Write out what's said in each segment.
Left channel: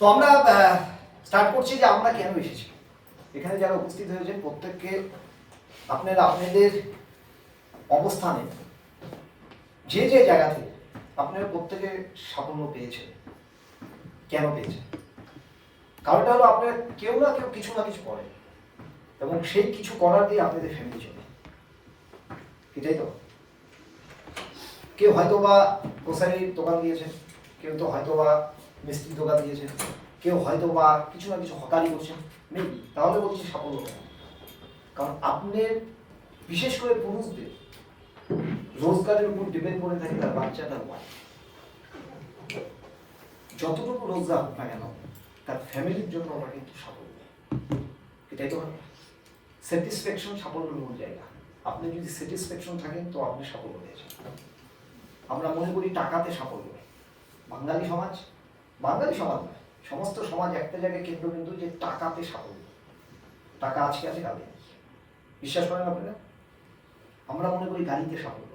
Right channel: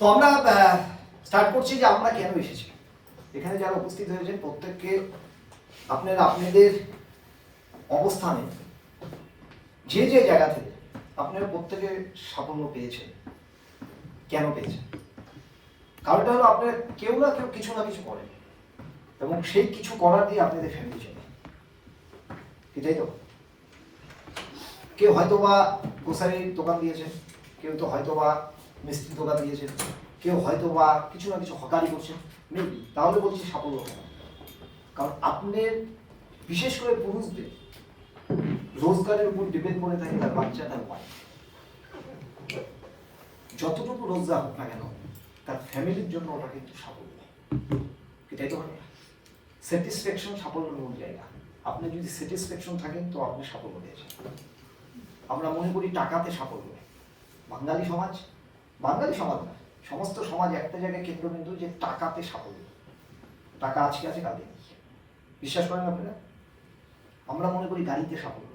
তো আমরা স্টার্ট করছি যে আমরা কেন এসেছি। এখানে যারা উপস্থিত হয়েছেন প্রত্যেককে আপনারা আপনাদের অবস্থানে যে যে জায়গা থেকে আপনারা প্রত্যেকে সাফল্য পেয়েছেন। কেন পেয়েছেন? কারণটা হলো আপনার কেউ না কেউ কিছু না কিছু করেন এবং সেই কিছু করার দিয়ে আপনাদের ফ্যামিলি চলে, এটাই তো। কেউ হয়তো বা গ্রোসারির দোকান দিয়েছেন, কেউ তো হয়তো বা মিষ্টির দোকান দিয়েছেন, কেউ হয়তো বা কিছু না কিছু হকারি করছেন, মেবি। তাহলে বলছি সাফল্য কেন? কারণ আপনার বিশেষ করে পুরুষদের রোজগারের উপর ডিপেন্ড করে থাকে তার বাচ্চা, তার ওয়াইফ। যতটুকু রোজগার হোক না কেন তার ফ্যামিলির জন্য ওটা কিন্তু সাফল্য, এটাই তো। স্যাটিসফ্যাকশন সাফল্যের মূল জায়গা। আপনি যদি স্যাটিসফ্যাকশন থাকেন তো আপনি সাফল্য পেয়েছেন। আমরা মনে করি টাকাতে সাফল্য। বাঙালি সমাজ নয়, সমস্ত সমাজ একটা জায়গায় কেন্দ্রবিন্দু যে টাকাতে সাফল্য। টাকা আজকে আছে, কালকে নেই। বিশ্বাস করেন আপনারা? আমরা মনে করি গাড়িতে সাফল্য,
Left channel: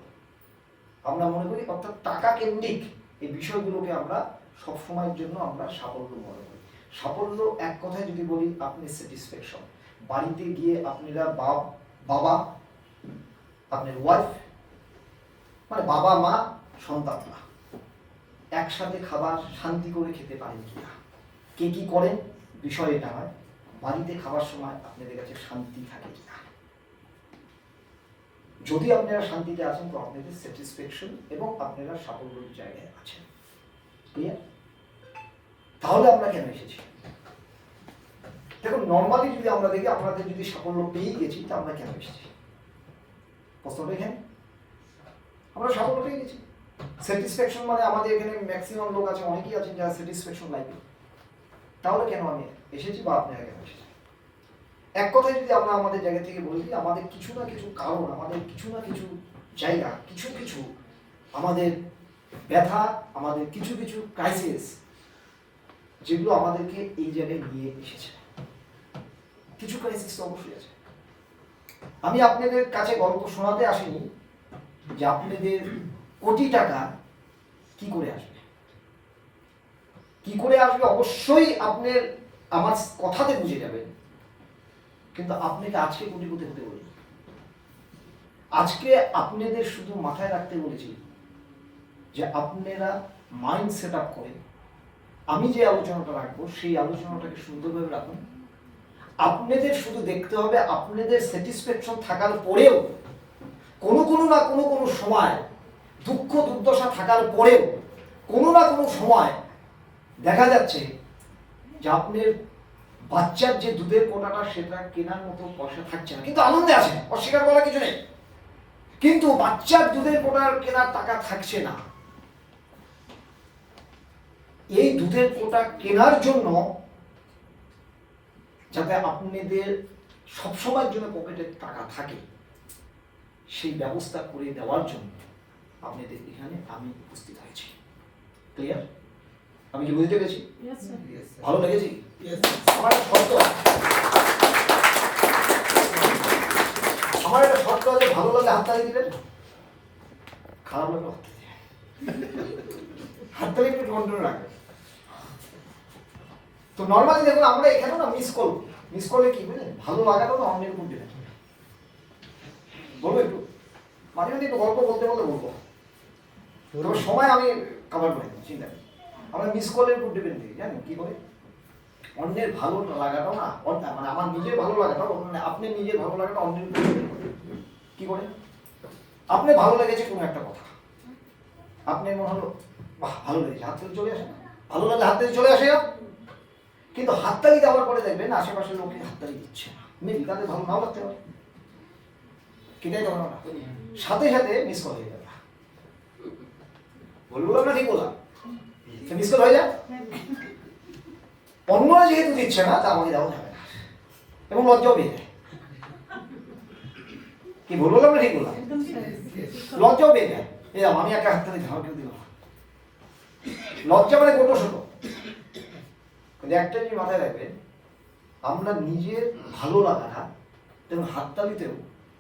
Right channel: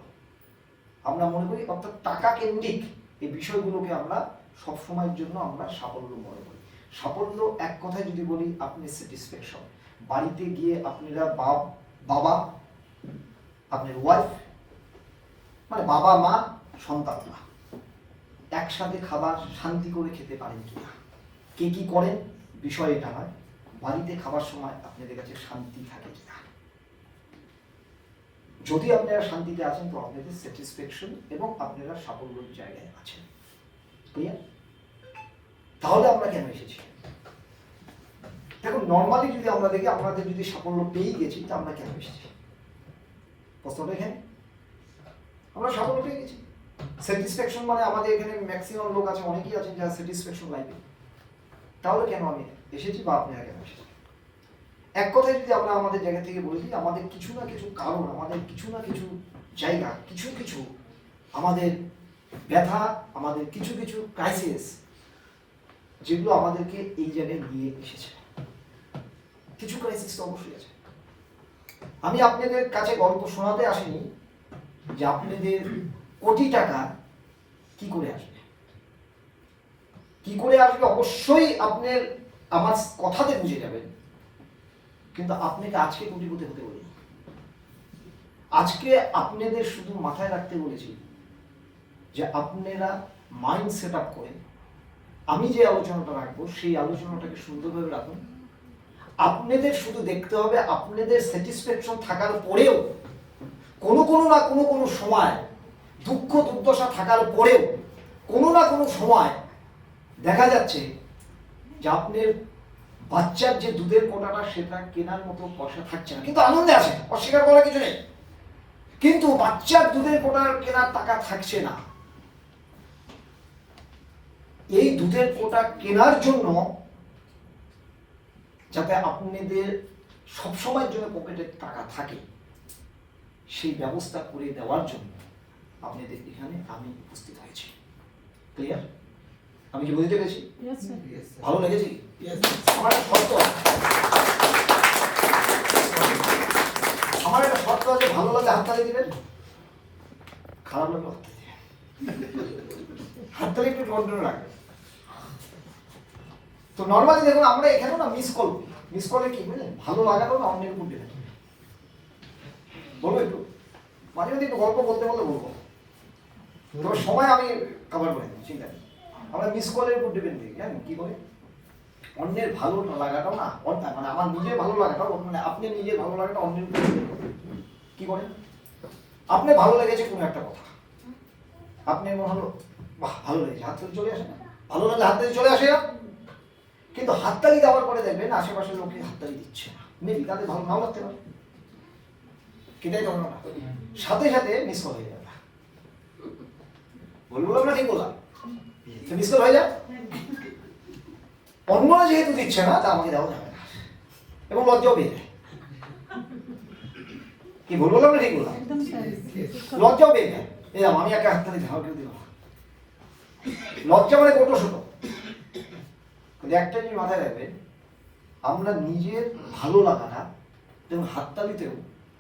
আমরা মনে করি, অর্থাৎ টাকা কেন্দ্রিক এই বিষয়গুলোকে আমরা সবসময়ের জন্য আমরা সাফল্য মনে করি। সাফল্য এক কথায় যদি বলি, আপনি স্যাটিসফ্যাকশন। বাড়িতে গিয়ে আপনারা বাবা, আপনার ওয়াইফ, মানে বাবা মা সন্তানরা একসাথে খাবার শান্তি করে খেতে পারেন কিনা, কে কি করেন বিষয় এটা হয়। বাড়িতে খাবার সময় আপনাদের কাছে শান্তি থাকে কিনা। যদি আপনারা শান্তিতে আছেন তো আপনাদের স্যাটিসফ্যাকশন এবং আপনারা সাফল্যের জায়গায় আছেন। ক্লিয়ার? তাহলে আমরা কেন এসেছি? দেখুন, নর্মালি যদি আমরা দেখি, আপনাদের যদি সাফল্য পেয়ে গেছি তা আমরা কেন এসেছি? প্রশ্নটা এখানে, আমরা সাফল্য পেয়ে গেছি। স্যাটিসফ্যাকশন মানে আমাদের এখানে ম্যাক্সিমাম লোক আছে, অনেকেই আছেন যারা স্যাটিসফ্যাকশন লাইফে। তাহলে কেন আমি এসেছি বা আপনারা কেন এসেছি? এক কথায় যদি আমরা আমাদের জায়গা থেকে বলি, আমাদের কিছু না কিছু কারণ, আমাদের কিছু না কিছু জায়গা, কিছু কিছু আমাদের ব্যথা, আমাদের কিছু কিছু ক্রাইসিস, যেগুলো আমাদেরকে এই জায়গায় নিয়ে এসেছে। কিছু ক্রাইসিস তো অবশ্যই আছে। আমি আপনাদের কাছে গল্প শোনাতে আসিনি যে আপনাদের কোটি টাকা কি করে আসবে। কি করে আসবে অবশ্যই আপনার আমার কথাতে বুঝে যাবেন, কিন্তু আপনাকে আজকে কোটিপতি হতে বলিনি। আজকে আপনাদের শুধু মাথায় রাখতে বলেছি যে আপনারা মাইন্ড সেট আপ করে আমি যে আলোচনাটা রাখবো সেই আলোচনাটাকে সুন্দরভাবে রাখুন। আপনাদের শুধু দেখতে হবে, আপনাদের স্যাটিসফ্যাকশন থাকার পরেও কোনো না কোনো সময় দুঃখ দুর্দশা থাকার পরেও কোনো না কোনো সময় দেখা যাচ্ছে যে আপনার বাচ্চার যে দুধের কোটাটা সেটা কেনার মতো পয়সা থাকছে না, কিন্তু আনন্দে আছে, অস্বীকার করার কিছু নেই। কিন্তু বাচ্চার দুধের কোটার কেনার টাকা থাকছে না। এই দুধের কোটা কেনার জন্য যাতে আপনাদের সবসময়ের জন্য পকেটে টাকা থাকে, সেই ব্যবস্থা করে দেওয়ার জন্য আপনাদের এখানে আমি উপস্থিত হয়েছি। ক্লিয়ার? আমি কি বুঝতে পেরেছি? ভালো লেগেছি? আমার একটা শর্ত আছে, ভালো লাগলে হাততালি দিবেন, খারাপ লাগলে হাততালি একটু কন্ট্রোল রাখবেন। তো নর্মালি দেখুন, আমরা এখানে না মিস কলে কি বুঝলেন, ভালো লাগাটাও না অন্যের উপর ডিপেন্ড করে। বলবো একটু মাঝে মাঝে একটু গল্প বলতে বলতে বলবো, তবে সময় আমি কভার করে দেবো, চিন্তা নেই। আমরা মিস কলের উপর ডিপেন্ড করি, জানেন কি করে? অন্যের ভালো লাগাটাও না, মানে আমার নিজের ভালো লাগাটাও, আপনি নিজের ভালো লাগাটা অন্যের উপর ডিপেন্ড করে। কি করে? আপনি ভালো লেগেছে কোনো একটা কথা, আপনি মনে হলো বাহ ভালো লেগেছে, হাততালি চলে আসে না? ভালো লাগলে হাততালি চলে আসে না? কিন্তু হাততালি দেওয়ার পরে দেখবেন আশেপাশের লোকে হাততালি দিচ্ছে না, মেবি তাদের ভালো নাও লাগতে পারে। কিটাই তখন না, সাথে সাথে মিস কল হয়ে যাবে। বললাম না, ঠিক বললাম? মিস কল হয়ে যায়। অন্যরা যেহেতু দিচ্ছে না তা আমাকে দেওয়া যাবে না, এবং লজ্জাও পেয়ে যায়। কি বললাম না, ঠিক বললাম? লজ্জাও পেয়ে যায়, এরকম আমি একটা হাততালি ধার কেউ দিলাম। লজ্জা মানে গোটো ছোট। কিন্তু একটা জিনিস মাথায় রাখবেন, আমরা নিজের ভালো লাগাটা এবং হাততালিতেও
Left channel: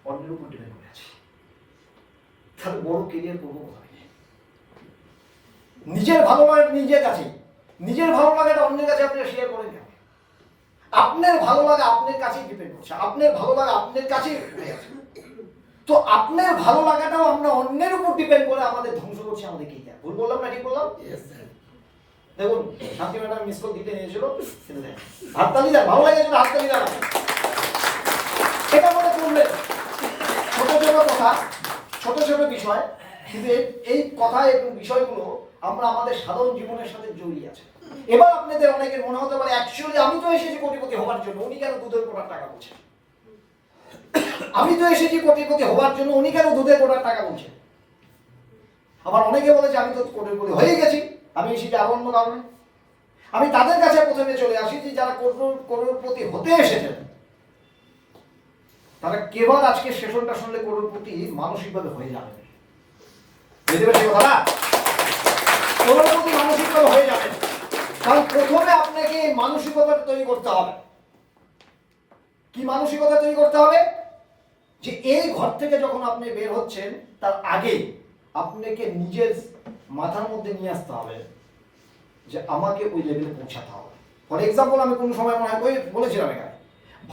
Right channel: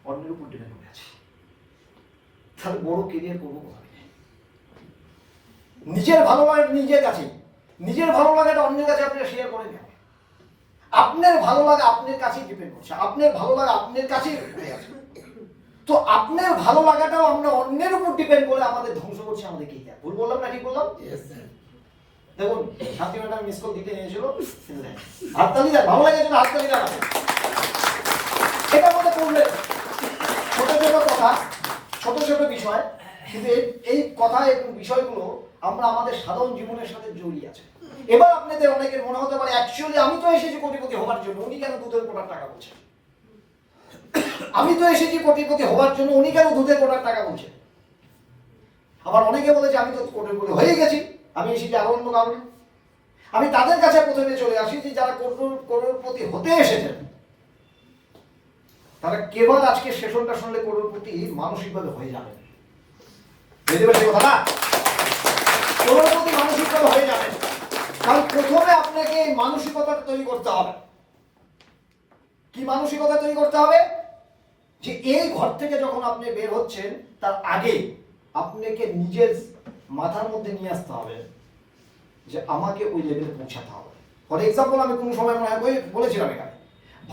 অন্যের উপর ডিপেন্ড করে আছি। তাহলে বড় কেরিয়ার করবো কোথায়? নিজের ভালো লাগা নিজের কাছে, নিজের ভালো লাগাটা অন্যের কাছে আপনারা শেয়ার করেন না। আপনার ভালো লাগা আপনার কাছেই ডিপেন্ড করছে, আপনার ভালো লাগা আপনার কাছেই ঘুরে আছে। তো আপনার ভালো লাগাটাও আমরা অন্যের উপর ডিপেন্ড করে আমাদের ধ্বংস করছি আমাদের কে। ভুল বললাম না ঠিক বললাম? দেখুন শান্তি ম্যাডাম মিস কল দিতে নিয়েছিল, হাততালি দেন, ভালো লাগে জন্য হাততালি দেন। এটা মনে করলেন ছোট ছোট কথা, ছোট ছোট বিষয়, কিন্তু এই কথা এবং বিষয়গুলো আমরা আমাদের সাধারণ জীবনের সাথে জড়িয়ে আছে। এবার আপনাদের অনেকের মনে হতে পারে অ্যাকচুয়ালি আমি তো এসেছি কোটিপতি হওয়ার জন্য, উনি কেন দুধের কোটার টাকা বলছেন? আমি তো এসেছি কোটিপতি হওয়ার জন্য, উনি কেন দুধের কোটার টাকা বলছেন? আবার অনেকে বলেছে আমি তো কোটিপতি হয়ে গেছি, আমি এসেছি আরো অন্য কারণে। আমি তাদের কাছে প্রথমে চলে আসি যে যারা কোটিপতি হতে এসেছেন, তারা কেবল আজকে সেশনটা শুনলে কোটিপতি মানসিকভাবে হয়ে যাবে। বুঝতে পারছি কথা না? কোটিপতি মানসিকভাবে হয়ে যাবে, কারণ প্রথমে আপনাকে মানসিকতা তৈরি করতে হবে। কি মানসিকতা তৈরি করতে হবে? যে এই ঘর থেকে যখন আপনি বের হচ্ছেন তার আগে আপনাকে নিজের মাথার মধ্যে নিয়ে আসতে হবে যে আমাকে ওই লেভেলে পৌঁছাতে হবে। ফর এক্সাম্পল, আমি কোন সময় মনে হয় বলেছিলাম এখানে,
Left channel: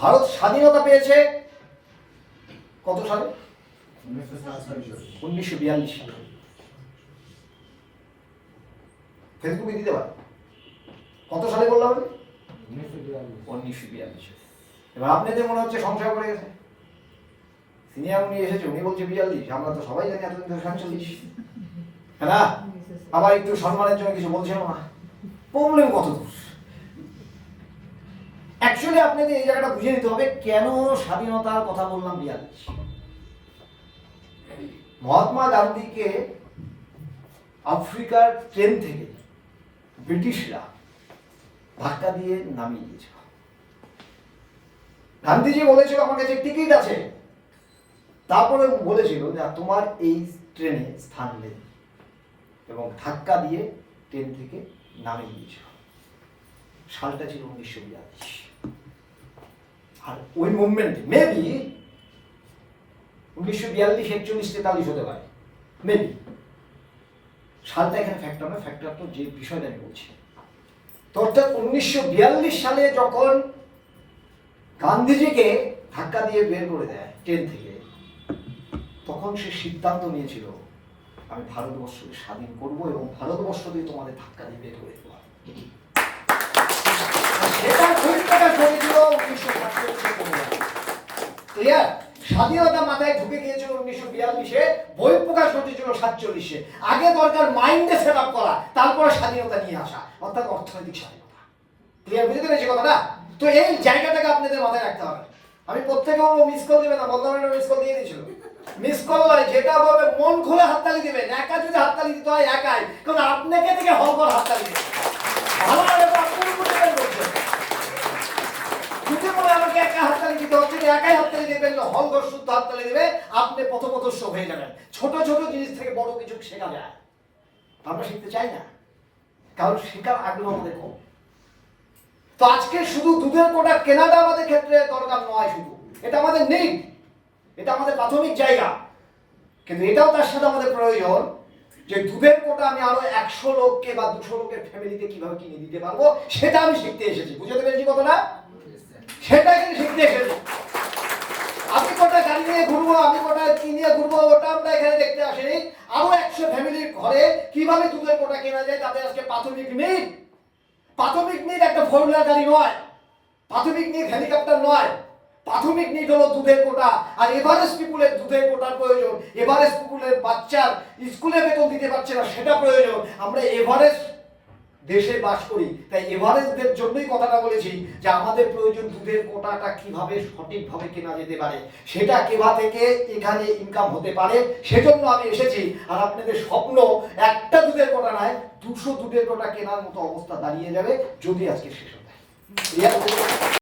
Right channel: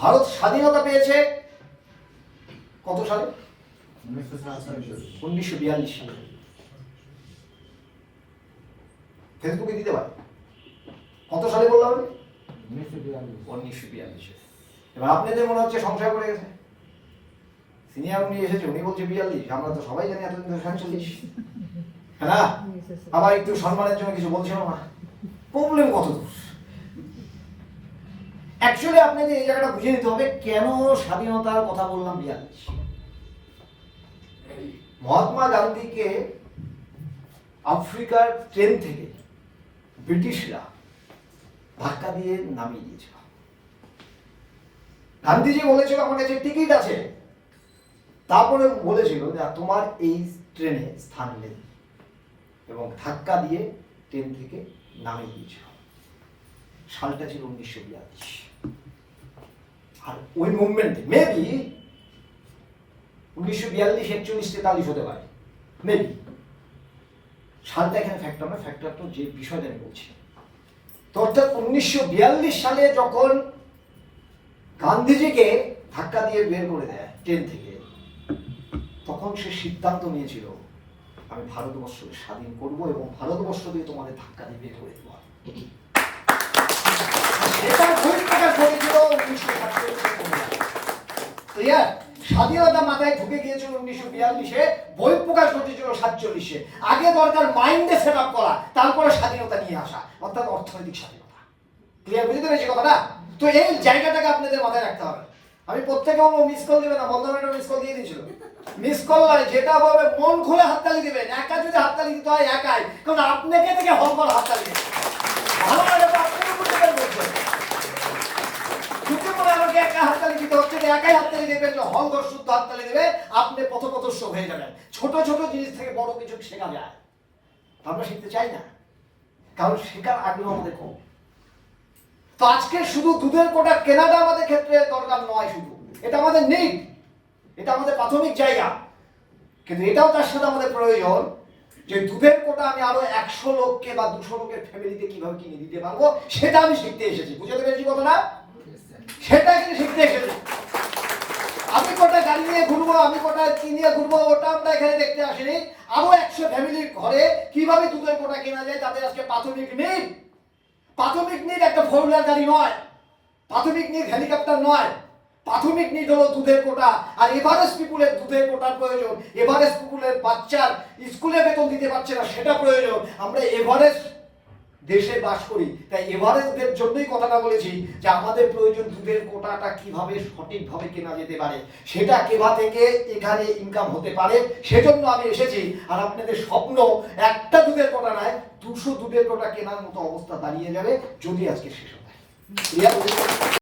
ভারত স্বাধীনতা পেয়েছে কত সালে? 1942 সালে। ফেসবুকে দিতে পারে কত সালে বললাম আমি? 1942। এবার আপনাদের মনে হচ্ছে সংশয় পড়ে গেছে, সিনিয়র উনি এসেছে উনি বলছে 42, আমরা তো সবাই জানি এতদিন ধরে 47, হ্যাঁ না? আবার একটু সম্মানের জন্য কিছু বলছিল না, প্রবলেম কত দূর? অ্যাকচুয়ালি আপনাদের এই জায়গাটা বুঝে নিতে হবে কেন স্বাধীনতার কথা বললাম 42। মহাত্মা গান্ধীকে আফ্রিকার ট্রেন থেকে ব্রিটিশরা ধাক্কা দিয়ে নামিয়ে দিয়েছিল। গান্ধীজি বলেছিল আমার কাছে টিকিট আছে, তারপরে বলেছিল যে তোমার এই ট্রেনে স্থান নেই, এবং ধাক্কা দিয়ে ট্রেন থেকে নামিয়ে দিয়েছিল। সালটা ছিল 1942। আর ওই মুভমেন্ট মেবি 1942, 41, 43 হতে পারে, মেবি। সালটা এখানে ফ্যাক্টর না, ফ্যাক্টর তো যে বিষয়টা আমি বলছি। তো অর্থাৎ 1942 সালে যখন গান্ধীজিকে ধাক্কা দিয়ে বের করে দেয় ট্রেন থেকে, তখন সে সিদ্ধান্ত নিয়েছিল আমি ভারতবর্ষকে স্বাধীন করব এবং ভারতবর্ষ দিয়ে তোমাদের ধাক্কা দিয়ে বের করে দেবো। সেটার পরিষ্কার ঘটেছিল 1947। স্বাধীনতা মাথায় ঢুকে গিয়েছিল 1942-এ, বই প্রকাশ ঘটেছিল 47-এ। আগে দরকার মাইন্ডে সেট আপ করা, তারপরে স্বাধীনতা নিয়ে আসা, অর্থাৎ অর্থনৈতিক স্বাধীনতা। ক্লিয়ার বুঝতে পেরেছি কথাটা? তো এই জায়গাটাকে আপনাদের মাথায় রাখতে হবে। আমি প্রত্যেকেও মিস কল দিবে না, বললাম মিস কল দিয়ে দিয়েছিল। মিস কল নয়, যেটা বলবে মন খুলে হাততালি দিবেন। একা যদি হাততালি দিতে হয় একাই, কারণ আপনাকে থেকে হল করে হাততালি দিবেন। ভালো লাগে তো আপনার উপর ডিপেন্ড করছে। যদি বলে আমাকে একা হাততালি দিতে হচ্ছে, একাই হাততালি দেবেন না, হল ঘর শুদ্ধ হাততালি দেবে, আপনি পথপ্রদর্শ হয়ে যাবেন। ছোট ছোট জিনিস থেকে বড় কিছু শেখা যায়। আমরা শিখতে চাই না, কারণ শেখার আগ্রহ আমাদের কম। তো আজকে শুধু দুধের কোটা কেনাটা আমাদের ক্ষেত্রে দরকার নয়, শুধু এটা আমাদের নিড, এটা আমাদের প্রাথমিক জায়গা, কিন্তু এটাও তার সাথে আমাদের প্রয়োজন যে দুধের কোটা আমি আরো 100 লোককে বা 200 লোকের ফ্যামিলিতে কিভাবে কিনে দিতে পারবো, সেটা আমি শিখতে এসেছি। বুঝতে পেরেছি কথাটা? সেটা এখানে শিখতে এসেছি। আমি কটা গাড়ি নিয়ে ঘুরবো, আমি কটা কি নিয়ে ঘুরবো, ওটা আমরা এখানে দেখতে আসিনি। আরো 100 ফ্যামিলির ঘরে কিভাবে দুধের কোটা কেনা যায়, তাদের আজকে প্রাথমিক নিড। প্রাথমিক নিড একটা 4 হুইলার গাড়ি নয়, প্রাথমিক নিড হেলিকপ্টার নয়, প্রাথমিক নিড হলো দুধের কোটা। আর এভারেস্ট পিপুলের দুধের কোটার প্রয়োজন। এভারেস্ট পিপুলের বাচ্চার স্কুলে বেতন দিতে পারছে না, সেটা প্রয়োজন। আমরা এভারেস্ট দেশে বাস করি, তাই এভারেস্টদের জন্যই কথাটা বলেছি যে আমাদের প্রয়োজন দুধের কোটাটা কিভাবে সঠিকভাবে কেনা যেতে পারে, সেটা কেভা থেকে এখানে ইনকাম হতে পারে, সেজন্য আমি এসেছি। আর আপনাদের স্বপ্ন একটা দুধের কোটা নয়, 200 দুধের কোটা কেনার মতো অবস্থা দাঁড়িয়ে যাবে যদি আজকে শেষ হয়।